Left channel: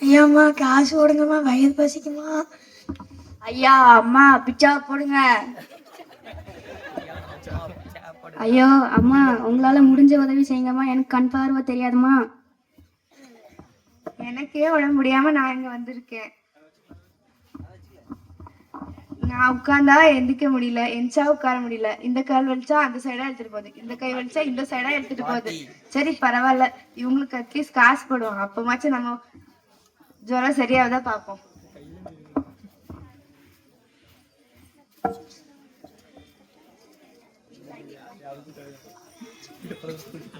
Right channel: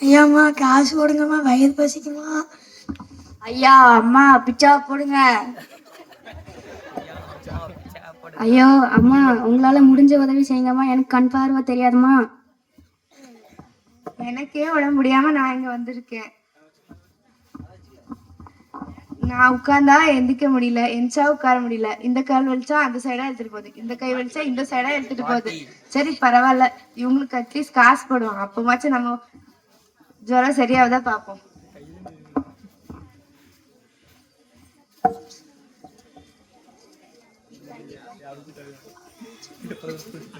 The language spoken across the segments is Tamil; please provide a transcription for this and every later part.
ஐயாம்மா காசு போடுங்கம்மா, வயிறு பசிக்குமா? ஐயா அம்மா பிச்சா போடுங்க. ஐயோ அம்மா உங்களால முடிஞ்ச உதவி செய்யுங்கம்மா, எனக்கு கண் பார்வை தெரியாதுமா. எனக்கே உடம்பு முடியாம நான் இங்க வந்திருக்கேன். நான் உட்கார்ந்தா எந்திக்க முடியல, எந்திச்சா உட்கார முடியல. இந்த கால் வலிச்சா அந்த சைடா எடுத்துட்டு போகுது, இந்த கை வலிச்சா இந்த சைடா எடுத்துட்டு போகுது. சரி பரவாயில்ல, இவங்களுக்கு அட்லீஸ்ட் காசு போடுவாங்க, அப்பமாச்சும் நம்ம ஜுரம் சரியாவதா பார்ப்போம்.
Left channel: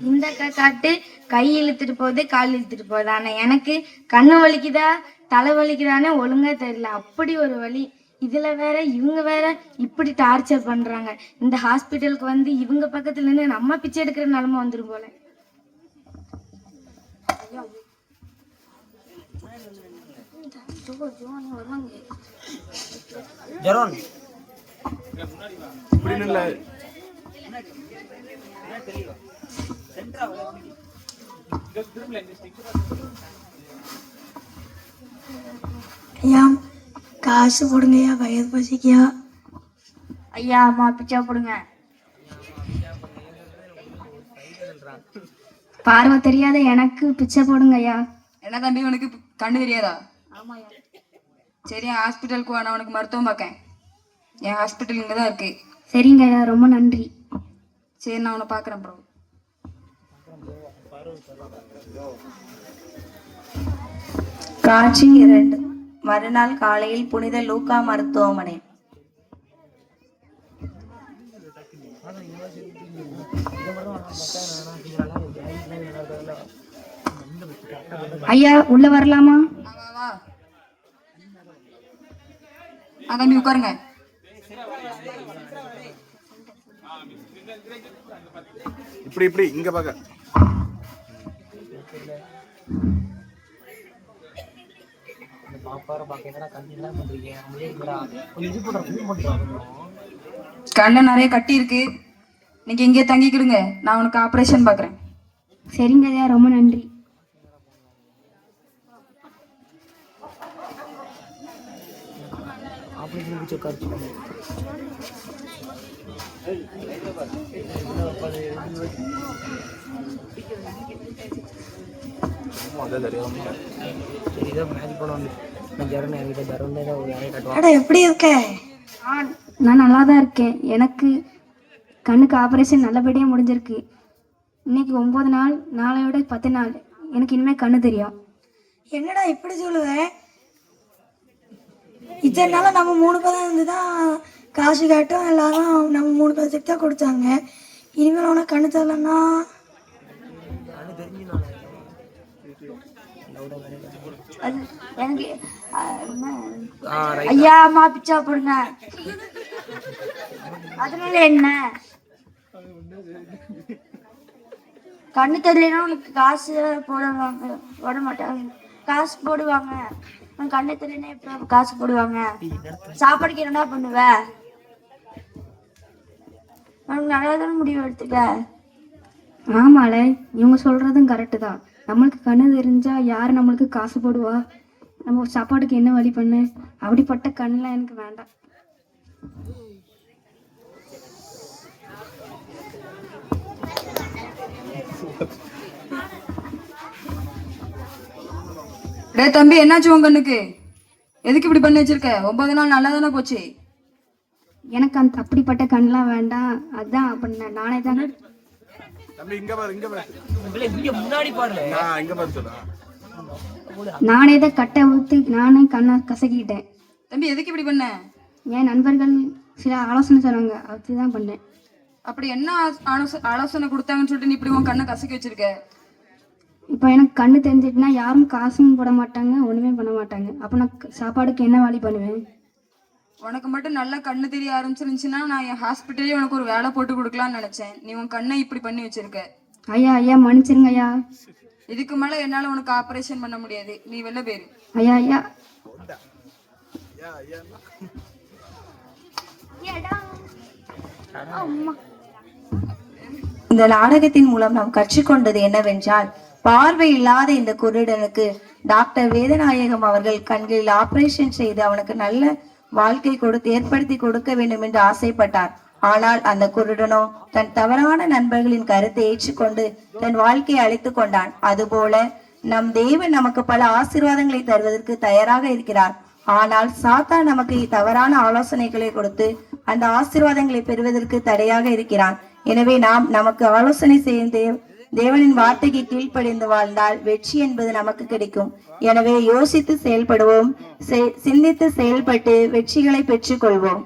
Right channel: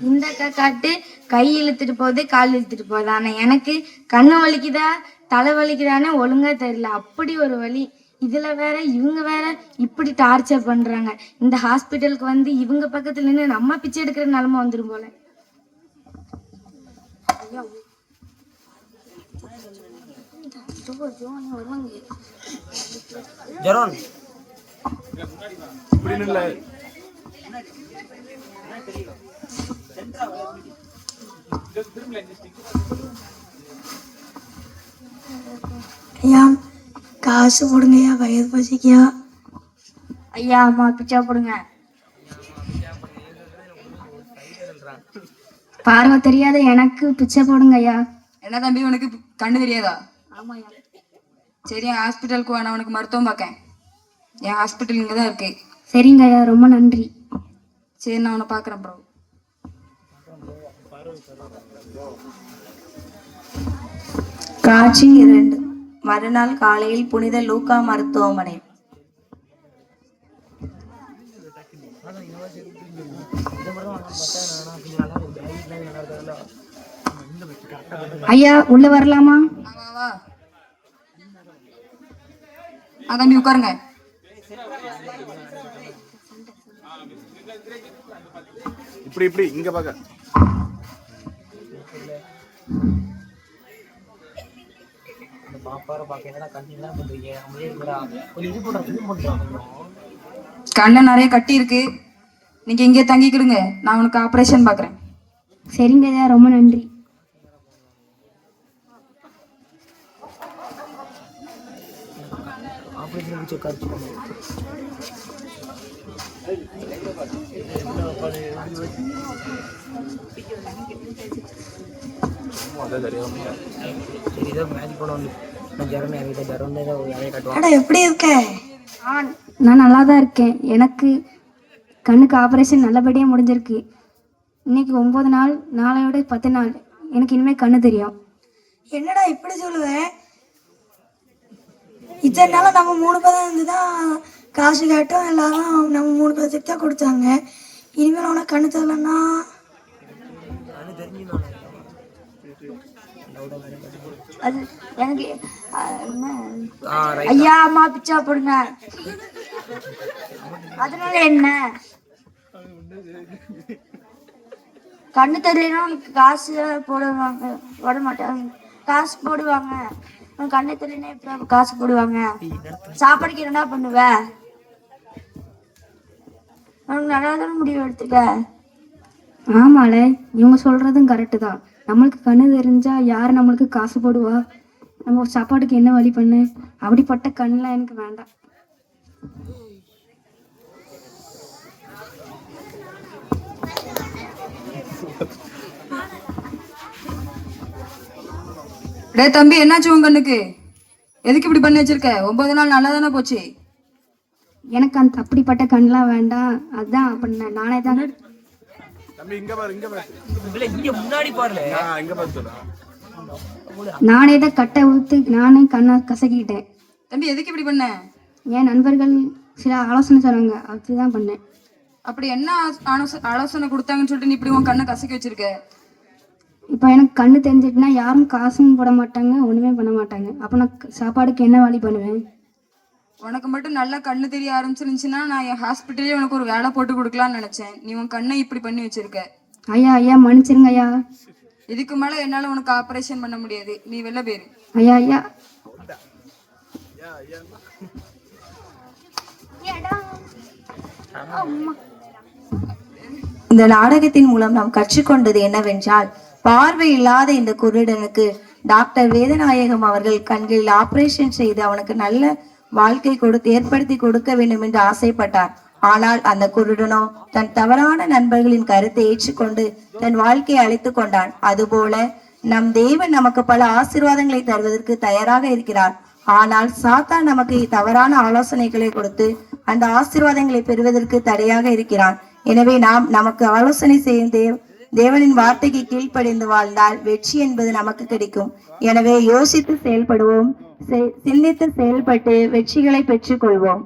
இந்த காட்டு கை இழுத்துட்டு போகுது, கால் இழுத்துட்டு போகுது. ஆனா எனக்கு கண்ணு வலிக்குதா தலை வலிக்குதான்னு ஒழுங்கா தெரியல, அப்படி ஒரு வலி. இதுல வேற இவங்க வேற இப்படி டார்ச்சர் பண்றாங்க. இந்த ஹாஸ்பிட்டலுக்கு வந்து இவங்க பக்கத்துல நின்று நம்ம பிச்சை எடுக்கிற நிலைமை வந்துடும் போல. ஐயா காசு போடுங்கய்யா, வயிறு பசிக்கியா? ஐயா அம்மா பிச்சா போடுங்க. பார்வை தெரியாத எனக்கு பிச்சை போடுங்க ஐயா. என்ன தம்பி உனக்கு கண்ணு தெரியாதா? சரி ஹாஸ்பிட்டலுக்கு வா, நான் உனக்கு மருத்துவம் பார்க்கேன். என் ஹாஸ்பிட்டல் இங்கே தான் இருக்கு. சரிங்க ஐயா, ரொம்ப நன்றி. சரி நான் உன்னை பார்க்குறேன் ப்ரோ. காட்சி 2. மறுநாள் காலையில் புனித லூக்கா மருத்துவமனை. ஐயா உள்ள வரலாமா? தம்பி உட்காருங்க. இப்படி இப்படி இங்க பாக்க. கண்ணு நிறைய கட்டி இருக்கு, நீங்க இங்கே தங்கிக்கிடுங்க, நான் உனக்கு ஆபரேஷன் பாக்குறேன். சரிங்க ஐயா, ரொம்ப நன்றி. எப்படி இருக்க? நான் நல்லா தான் இருக்கேன். எனக்கு கண்ணுக்கு ஆப்ரேஷன் நல்லபடியாக முடிஞ்சிருக்கு. இன்னைக்கு 9 நாள், நாளையோட 10 நாள். எனக்கு இனிமேல் கண்ணு தெரியும். என்னடா இப்படி சொல்லுவேன்? இத்தனை நாள் நம்ம 3 பேரும் இருந்து தான் காசு கேட்டோம், எல்லாரும் நம்ம 3 பேருக்கு தான் கொடுத்தாங்க. இனிமேல் உனக்கு கண்ணு தெரியலன்னா எனக்கு ஐயா அம்மா பிச்சா போடுங்க. அதனால என்ன? கண்ணு தெரியலன்னா உனக்கு காசு போடுவாங்க, போட மாட்டாங்க. காசு போடுவாங்க. கண்ணு தெரியலன்னா எப்படி காசு போடுவாங்க? சாப்பாடுக்கு என்னடா பண்ணுவ? நல்லா தான் முடிவு எடுத்துக்க. ஆமால, இவங்க சொல்றதும் கரெக்டு தான். நம்மளுக்கு கண்ணு தெரிஞ்சா யார் நம்மளுக்கு காசு போடுவா? நம்ம சாப்பாட்டுக்கு என்ன வழி பண்ணு? அப்படிப்பட்ட கண்ணுலாம் எனக்கு வேண்டாம். தம்பி என்னாச்சு உன் கண்ணுக்கு? எதுக்கு இப்படி பண்ணி வச்சிருக்க? 9 நாள் நல்லா தானே போச்சு. எனக்கு அந்த அப்படிப்பட்ட கண்ணுலாம் வேண்டாம், அதான் பண்ண நானே தானே. நானே தான் கட்டை ஊத்து நானே கண்ணை கசக்கிட்டேன். தம்பி எதுக்கு இப்படி பண்ண? என் நண்பர்கள் சில ஆலோசனை சொன்னாங்க, அதுதான் பண்ணேன். அப்படி என்ன ஆலோசனை கொடுத்தாங்கன்னு சொல்லிட்டு நீ இப்படி உன் கண்ணை கசக்கி வச்சிருக்க? இப்போ எனக்கு கண்ணு தெரிஞ்சிட்டுனா யாரும் காசும் போட மாட்டாங்க, ஒன்றுமே பண்ண மாட்டாங்க. அப்போ நான் சாப்பாடுக்கு என்ன வழி பண்ணுவேன்? உனக்கு மட்டும் நல்லா கண்ணு தெரிய ஆரம்பிச்சிருந்துச்சுன்னா நான் என் ஹாஸ்பிட்டலே உனக்கு ஒரு வேலை போட்டு கொடுக்கலான்னு நினைச்சேன். நீ உன் கண்ணை இப்படி பண்ணி வச்சிருக்க. ஐயா ஐயா மன்னிச்சிருங்க ஐயா. இதுக்கு மேல என்னால உனக்கு ஆபரேஷன் பண்ண முடியாது, நீ வெளில போயிரு. ஐயா ஐயா. இந்த நாடகத்தின் மூலம் நாம் கற்றுக்கொண்டது என்னவென்றால், பார்வை இல்லாத இந்த குருடனுக்கு டாக்டர் வேதநாயகம் அவர்கள் கண்களில் ஆபரேஷன் செய்து அவனுக்கு நல்ல வாழ்க்கை ஏற்படுத்தி கொடுக்க வேண்டும் என்று ஆசைப்பட்டார். ஆனால் அந்த குருடனோ தன் தவறான நண்பர்களின் கருத்தை ஏற்றுக்கொண்டு தன் வாழ்க்கையை அழைத்துக் கொண்டான். அதுபோல நம் தேவன் நமக்கு பல ஆசீர்வாதங்களை தருவதற்கு தயாராக இருக்கிறார். ஆனால் சாத்தான் நமக்கு தவறான ஆலோசனைகளை கொடுத்து அந்த ஆசீர்வாதங்களை பெறுவதற்கு தடையாக இருக்கிறான். எனவே நாம் நமக்கு ஆலோசனை செய்யும் தேவனின் வார்த்தைக்கு கீழ்ப்படிந்து வாழ்ந்தால் வெற்றி என்பது நமக்கு கிடைக்கும். எனவே யோசித்து செயல்படுவோம், சிந்தித்து செயல்பட்டு வெற்றிகளை பெற்றுக் கொள்வோம்.